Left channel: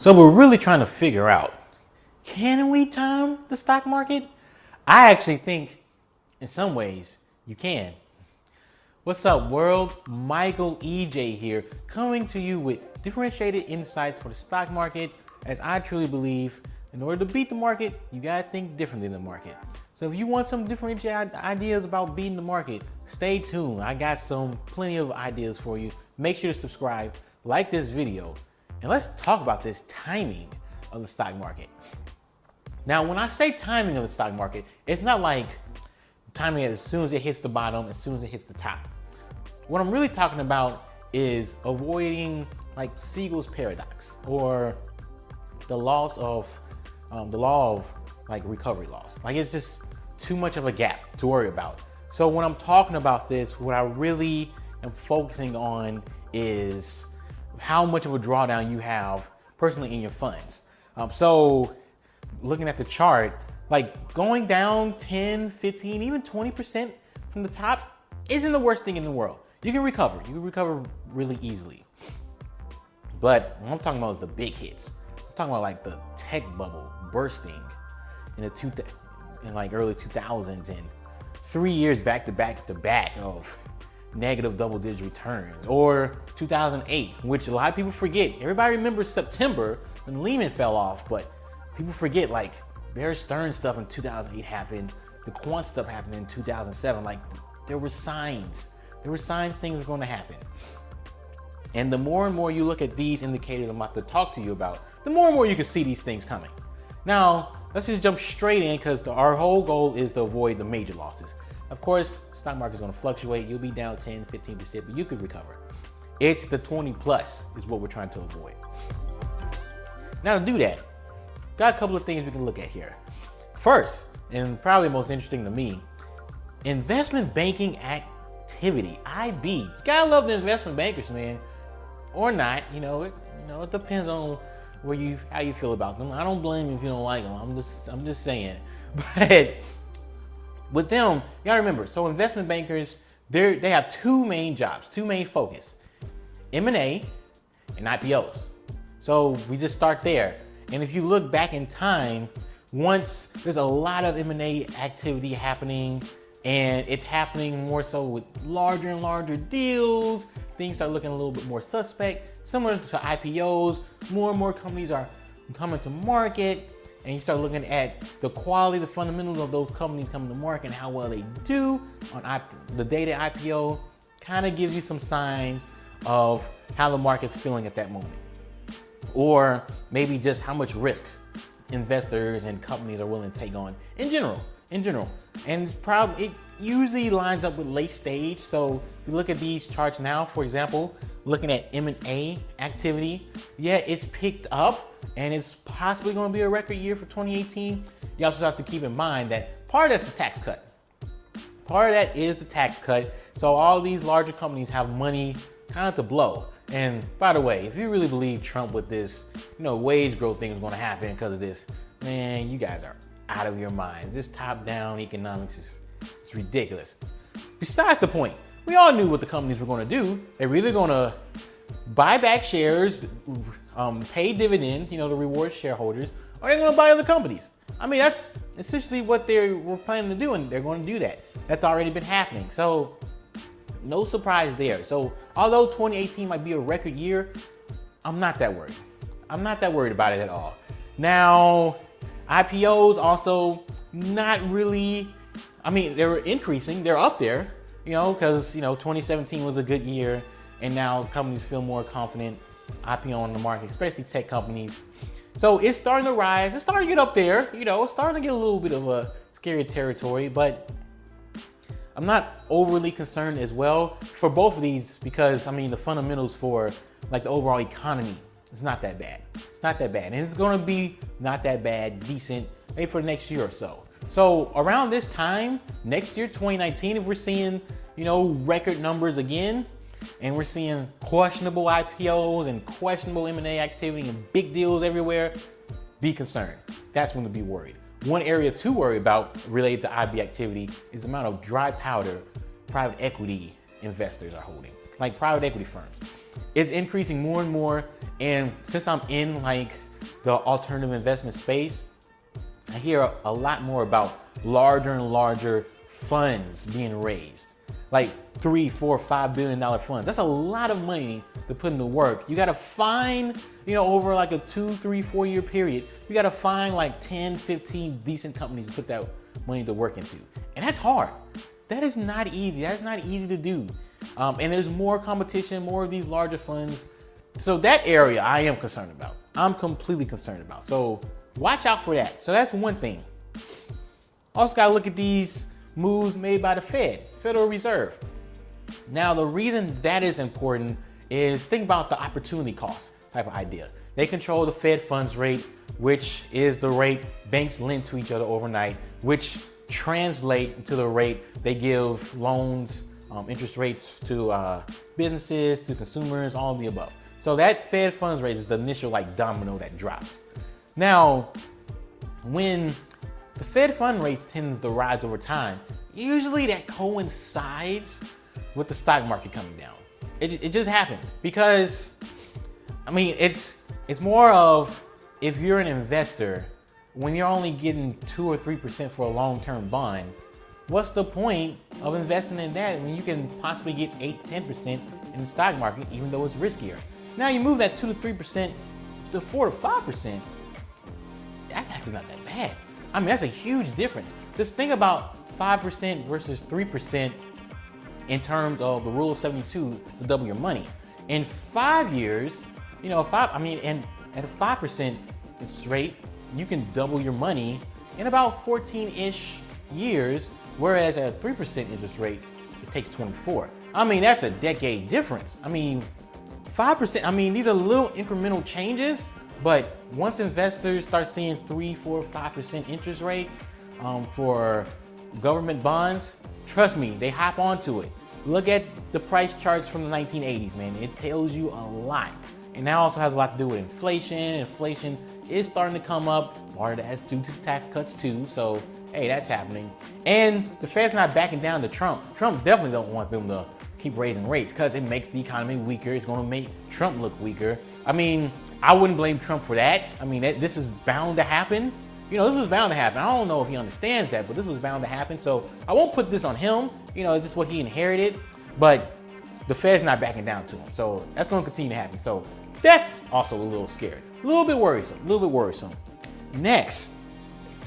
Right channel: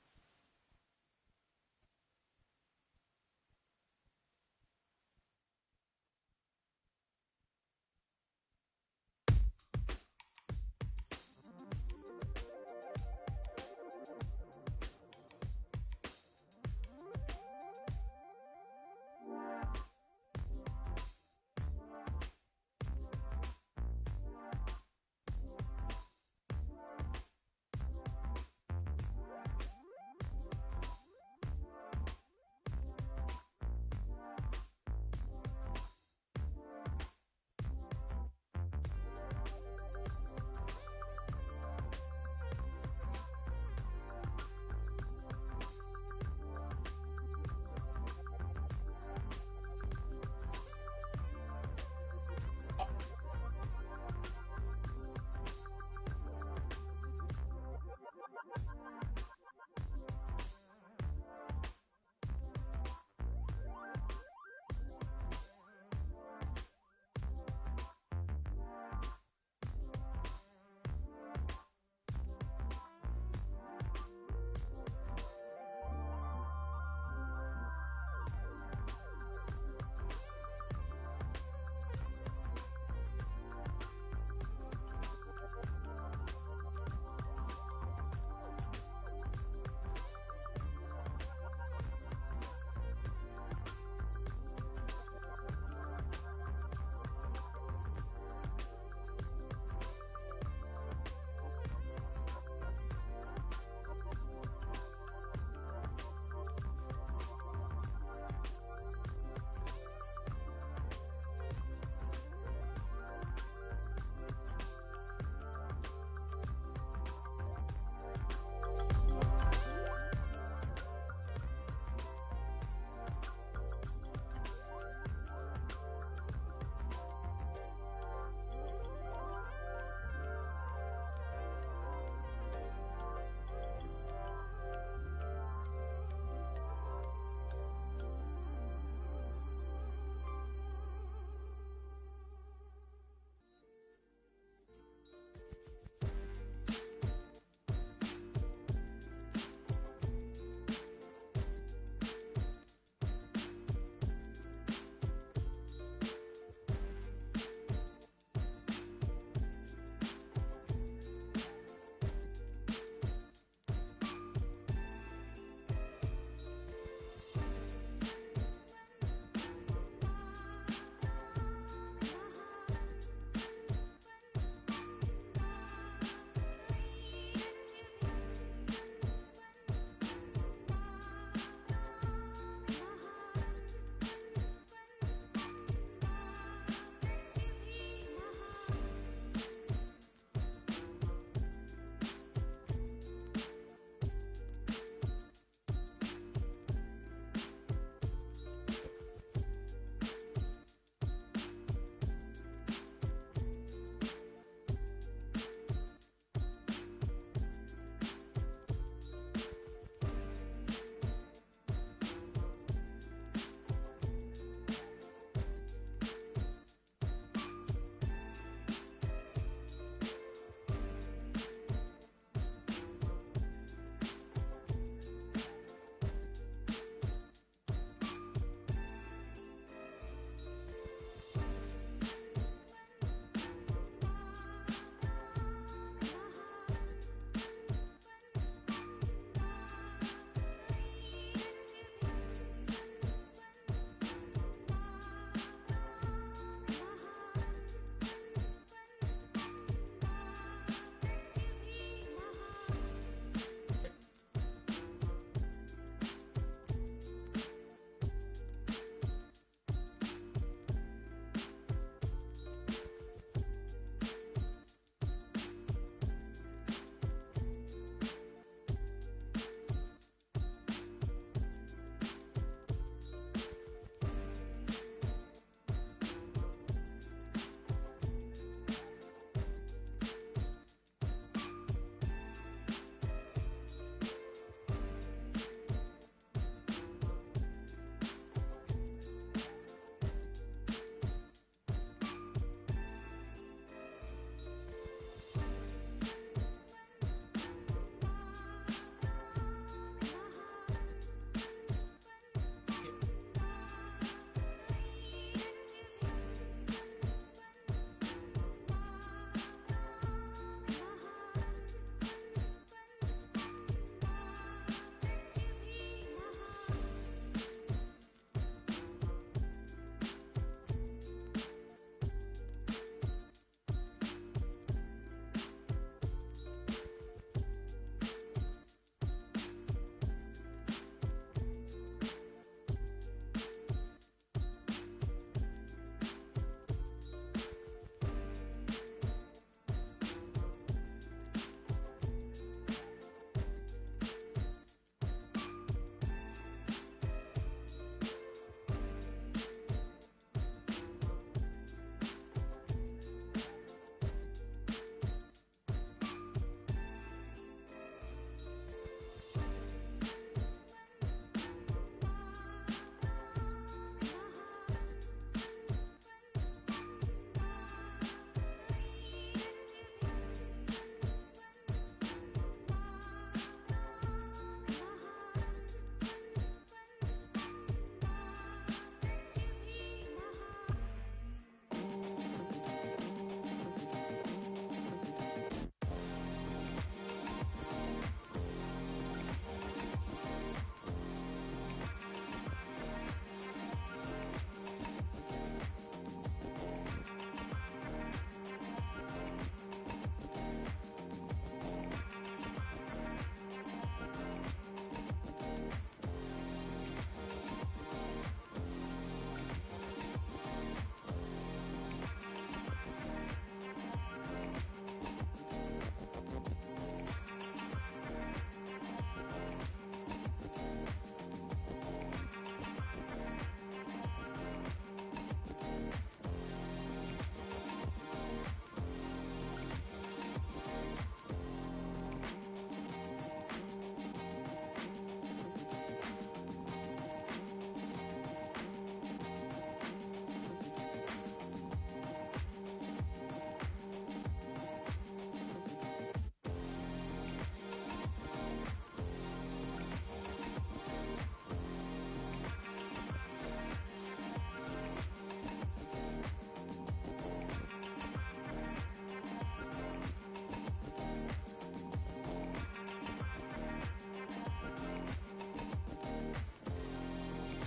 So we're really trying to figure out, can we time the stock market? I actually think in some ways you can. What's up, world? Michael EJ here, coming to you with differentiated insights for the stock market, as I truly believe in order to beat the market, you gotta think differently than the market. So if you want some differentiated ideas about beating the market, stay tuned. I got plenty of ideas for you. Make sure to subscribe, like this video, and let's talk about this timing of the stock market. Now, when I say timing of the stock market, it's not like timing it as soon as it hits the bottom, as soon as it hits the top. What I'm really talking about is avoiding like Siegel's paradox, or the law of like recovery loss. Like, it's just too much of a gap to worry about. So when I'm talking about this, what I really am focusing on is how much of a drawdown you have personally in your funds. So looking at the chart, like going down 10, 15, even 20% from the top isn't the worst thing in the world. You can recover. You can recover really easily. But what I'm talking about is the big hits. I'm talking about like the tech bubble bursting in like early 2000s and 3 years back to back of negative double-digit returns, or 2008, which a lot of people forget. Everybody remembers September when Lehman fell off, but people forget like Bear Stearns stuff in 2008 happened, the quant stuff happened in 2007. Like, there were signs things were going to happen. And the more and more you look at these indicators I'm about to talk to you about, the more and more you can see these things coming. Now, let's just jump straight in, because our whole goal is to avoid the major losses. Of course, stock market is going to fluctuate. You'll be down 10, 15%, but you could recover. It's the 20 plus is what we're trying to avoid. Now, to do that, got a couple of things we can look at here. First, and probably most interesting to me, investment banking activity, IB. You gotta love the investment bankers, man, or not. It depends on how you feel about them. I don't blame you if you don't like them. I'm just saying. But with them, you gotta remember, so investment bankers, they have two main jobs, two main focus: M&A and IPOs. So we just start there. And if you look back in time, once there's a lot of M&A activity happening, and it's happening more so with larger and larger deals, things start looking a little bit more suspect. Similar to IPOs, more and more companies are coming to market, and you start looking at the quality, the fundamentals of those companies coming to market and how well they do on the data IPO, kind of gives you some signs of how the market's feeling at that moment. Or maybe just how much risk investors and companies are willing to take on in general. And it usually lines up with late stage. So if you look at these charts now, for example, looking at M&A activity, yeah, it's picked up and it's possibly going to be a record year for 2018. You also have to keep in mind that part of that's the tax cut. Part of that is the tax cut. So all these larger companies have money kind of to blow. And by the way, if you really believe Trump with this, wage growth thing is going to happen because of this, man, you guys are out of your minds. This top-down economics it's ridiculous. Besides the point, we all knew what the companies were going to do. They're either going to buy back shares, pay dividends, to reward shareholders, or they're going to buy other companies. I mean, that's essentially what they were planning to do, and they're going to do that. That's already been happening. So no surprise there. So although 2018 might be a record year, I'm not that worried. I'm not that worried about it at all. Now, IPOs also not really, I mean, they're increasing, they're up there, because, 2017 was a good year, and now companies feel more confident IPO in the market, especially tech companies. So it's starting to rise, it's starting to get up there, it's starting to get a little bit of a scary territory, but I'm not overly concerned as well for both of these, because the fundamentals for like the overall economy is not that bad. It's not that bad, and it's going to be not that bad, decent, maybe for the next year or so. So around this time next year, 2019, if we're seeing record numbers again, and we're seeing questionable IPOs and questionable M&A activity and big deals everywhere, be concerned. That's when to be worried. One area to worry about related to IB activity is the amount of dry powder private equity investors are holding, like private equity firms. It's increasing more and more, and since I'm in like the alternative investment space, I hear a lot more about larger and larger funds being raised, like $3, $4, $5 billion funds. That's a lot of money to put into work. You got to find, over like a 2, 3, 4 year period, you got to find like 10, 15 decent companies to put that money to work into. And that's hard. That is not easy. That's not easy to do. And there's more competition, more of these larger funds. So that area I am concerned about. I'm completely concerned about. So watch out for that. So that's one thing. Also got to look at these moves made by the Federal Reserve. Now, the reason that is important is think about the opportunity cost type of idea. They control the Fed funds rate, which is the rate banks lend to each other overnight, which translate to the rate they give loans, interest rates to businesses, to consumers, all of the above. So that Fed funds rate is the initial domino that drops. Now, when the Fed fund rates tend to rise over time, usually that coincides with the stock market coming down. It just happens because, it's more of, if you're an investor, when you're only getting 2 or 3% for a long-term bond, what's the point of investing in that when you can possibly get 8, 10% in the stock market, even though it's riskier? Now you move that 2 to 3% to 4 to 5%, that's actually not that bad. That's a huge difference. Just think about 5% versus 3% in terms of the rule of 72 to double your money. In 5 years, and at a 5% rate, you can double your money in about 14-ish years, whereas at a 3% interest rate, it takes 24. That's a decade difference. 5%, these are little incremental changes, but once investors start seeing 3, 4, 5% interest rates for government bonds, trust me, they hop onto it. Look at the price charts from the 1980s, man. It tells you a lot. And that also has a lot to do with inflation. Inflation is starting to come up. Part of that is due to tax cuts too. So, hey, that's happening. And the Fed's not backing down to Trump. Trump definitely don't want them to keep raising rates because it makes the economy weaker. It's going to make Trump look weaker. I wouldn't blame Trump for that. This is bound to happen. This was bound to happen. I don't know if he understands that, but this was bound to happen. So I won't put this on him. It's just what he inherited. But the Fed's not backing down to him. So that's going to continue to happen. So that's also a little scary. A little bit worrisome. Next,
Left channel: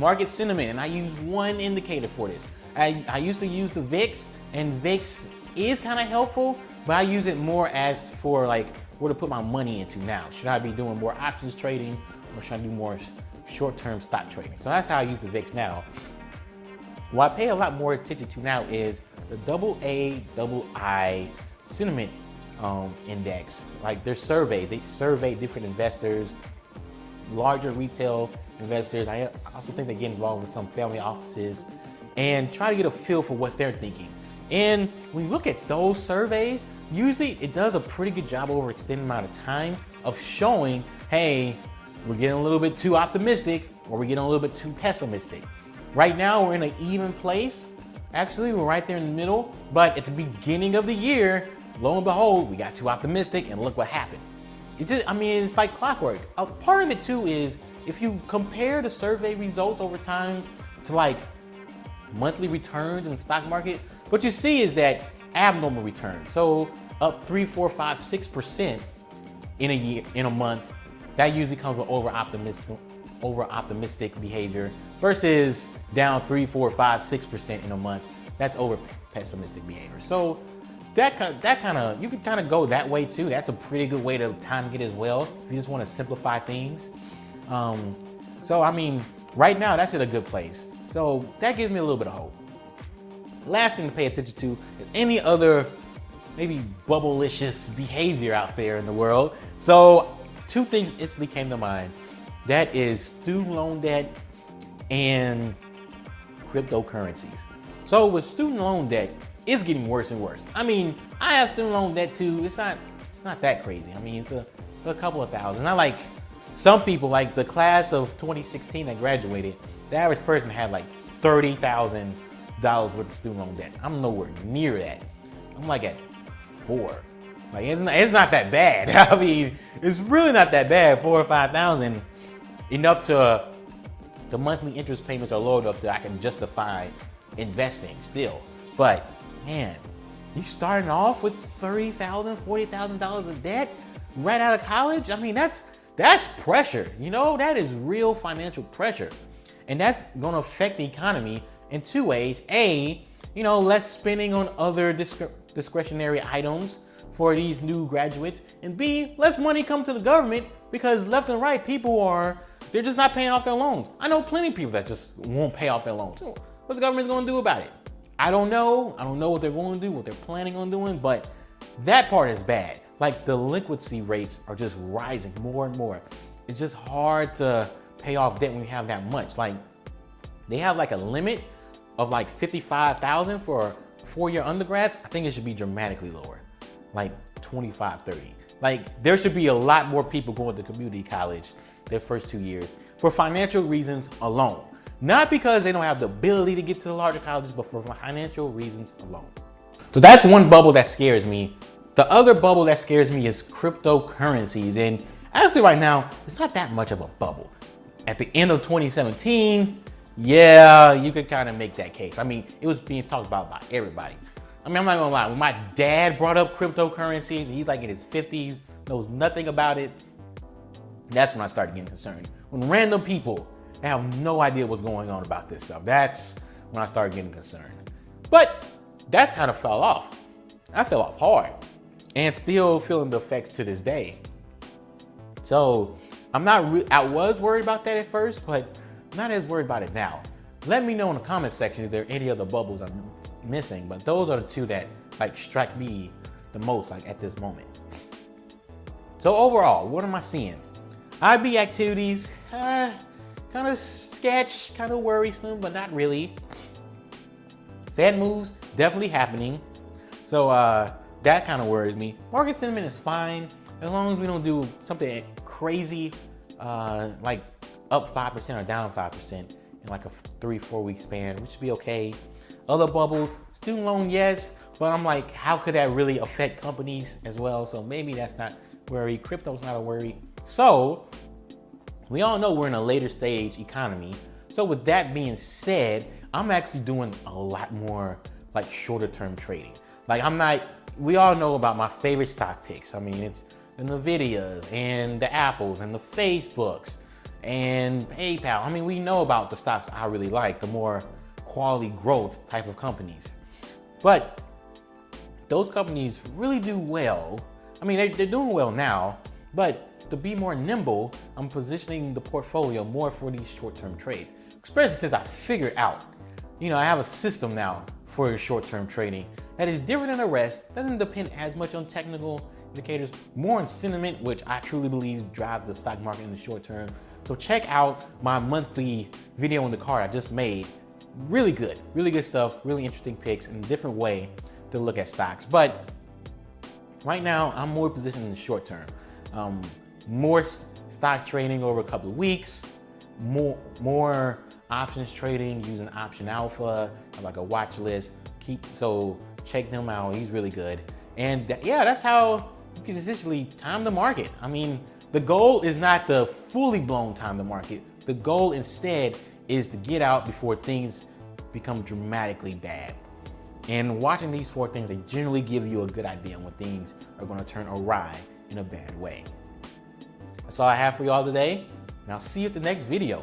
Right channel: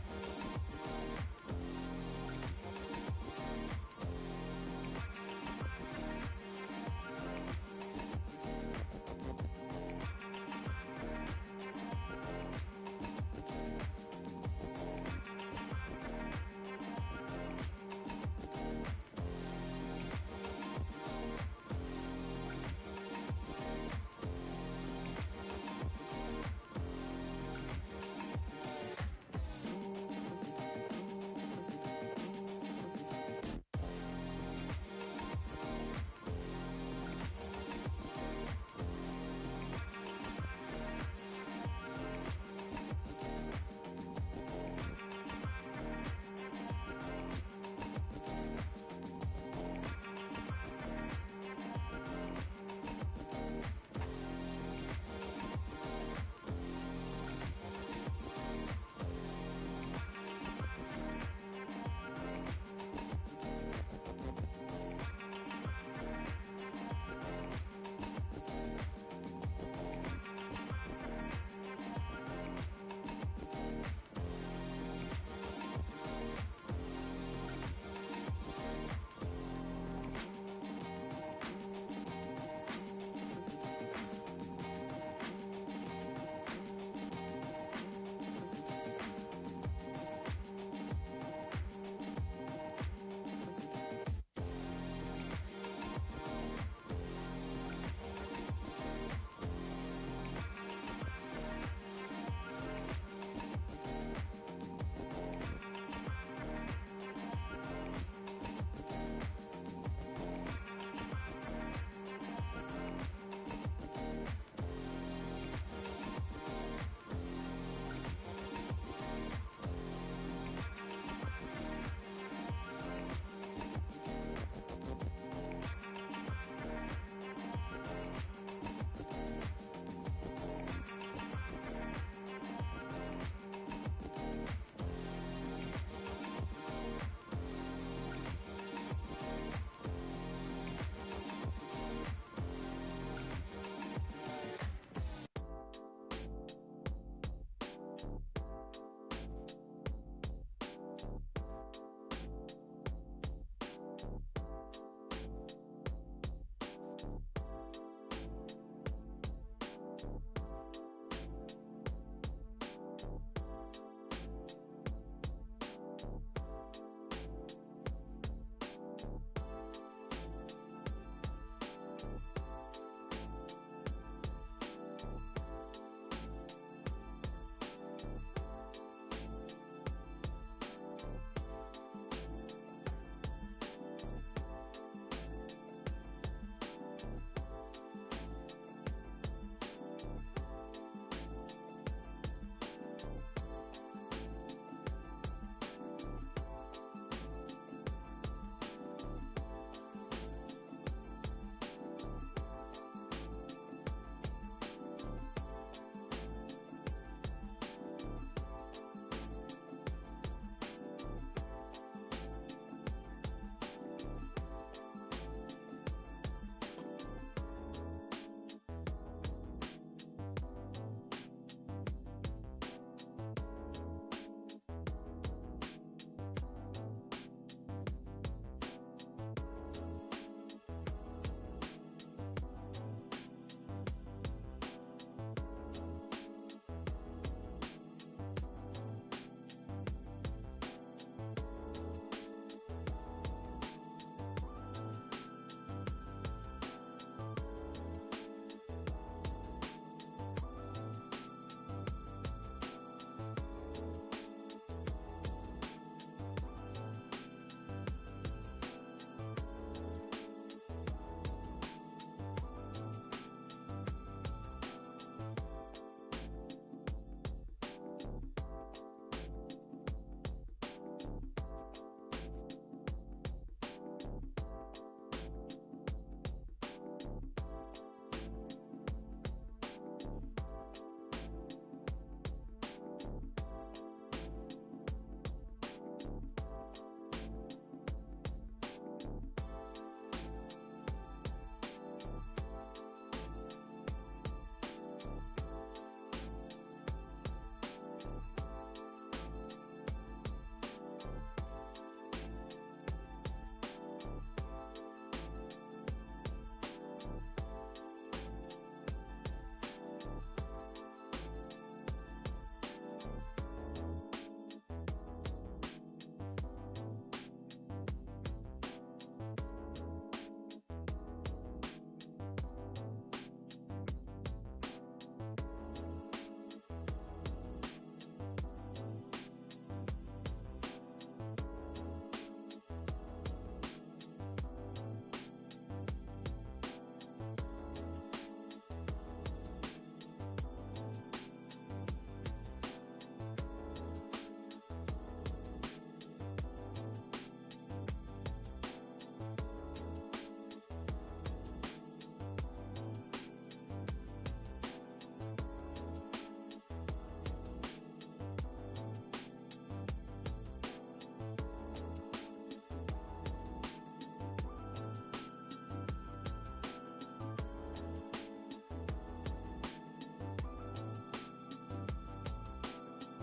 market sentiment. And I use one indicator for this. I used to use the VIX, and VIX is kind of helpful, but I use it more as for where to put my money into now. Should I be doing more options trading, or should I do more short-term stock trading? So that's how I use the VIX now. What I pay a lot more attention to now is the AA sentiment index. Their surveys, they survey different investors, larger retail investors. I also think they get involved with some family offices and try to get a feel for what they're thinking. And when you look at those surveys, usually it does a pretty good job over an extended amount of time of showing, hey, we're getting a little bit too optimistic or we're getting a little bit too pessimistic. Right now, we're in an even place. Actually, we're right there in the middle. But at the beginning of the year, lo and behold, we got too optimistic and look what happened. It's like clockwork. A part of it too is if you compare the survey results over time to monthly returns in the stock market, what you see is that abnormal returns. So up 3, 4, 5, 6% in a year, in a month, that usually comes with over optimistic behavior versus down 3, 4, 5, 6% in a month. That's over pessimistic behavior. So that kind of you can kind of go that way too. That's a pretty good way to time it as well. If you just want to simplify things. Right now that's in a good place. So that gives me a little bit of hope. Last thing to pay attention to is any other maybe bubble-licious behavior out there in the world. So 2 things instantly came to mind. That is student loan debt and cryptocurrencies. So with student loan debt, it's getting worse and worse. I have student loan debt too. It's not that crazy. It's a couple of thousand. Not like some people, like the class of 2016 that graduated, the average person had $30,000 worth of student loan debt. I'm nowhere near that. I'm at 4. It's not that bad. It's really not that bad, 4 or 5,000. enough to, the monthly interest payments are low enough that I can justify investing still. But man, you starting off with $30,000, $40,000 of debt right out of college? I mean, that's pressure, you know? That is real financial pressure. And that's gonna affect the economy in two ways. A, you know, less spending on other discretionary items for these new graduates. And B, less money come to the government because left and right people they're just not paying off their loans. I know plenty of people that just won't pay off their loans. What the government's gonna do about it? I don't know. I don't know what they're going to do, what they're planning on doing, but that part is bad. Like delinquency rates are just rising more and more. It's just hard to pay off debt when you have that much. Like they have like a limit of like 55,000 for four-year undergrads. I think it should be dramatically lower, like 25, 30. Like there should be a lot more people going to community college their first 2 years for financial reasons alone. Not because they don't have the ability to get to the larger colleges, but for financial reasons alone. So that's one bubble that scares me. The other bubble that scares me is cryptocurrencies. And actually right now, it's not that much of a bubble. At the end of 2017, yeah, you could kind of make that case. I mean, it was being talked about by everybody. I mean, I'm not gonna lie, when my dad brought up cryptocurrencies, he's like in his 50s, knows nothing about it, that's when I started getting concerned. When random people that have no idea what's going on about this stuff, that's when I started getting concerned. But that kind of fell off. I fell off hard and still feeling the effects to this day. So I was worried about that at first, but I'm not as worried about it now. Let me know in the comment section if there are any other bubbles I'm missing, but those are the two that like strike me the most like at this moment. So overall, what am I seeing? IB activities, kind of sketch, kind of worrisome, but not really. Fed moves, definitely happening. So that kind of worries me. Market sentiment is fine, as long as we don't do something crazy, like up 5% or down 5% in like a 3-4 week span, which should be okay. Other bubbles, student loan, yes, but I'm like, how could that really affect companies as well? So maybe that's not worry. Crypto's not a worry. So we all know we're in a later stage economy. So with that being said, I'm actually doing a lot more like shorter term trading. Like we all know about my favorite stock picks. I mean, it's the Nvidias and the Apples and the Facebooks and PayPal. I mean, we know about the stocks I really like, the more quality growth type of companies. But those companies really do well. I mean, they're doing well now, but to be more nimble, I'm positioning the portfolio more for these short-term trades, especially since I figured out, I have a system now for short-term trading that is different than the rest, doesn't depend as much on technical indicators, more on sentiment, which I truly believe drives the stock market in the short term. So check out my monthly video on the card I just made. Really good stuff, really interesting picks and a different way to look at stocks. But right now, I'm more positioned in the short term. More stock trading over a couple of weeks, more options trading using Option Alpha, like a watch list. So check them out, he's really good. And yeah, that's how you can essentially time the market. I mean, the goal is not the fully blown time the market. The goal instead is to get out before things become dramatically bad. And watching these 4 things, they generally give you a good idea on when things are going to turn awry in a bad way. That's all I have for y'all today, and I'll see you at the next video.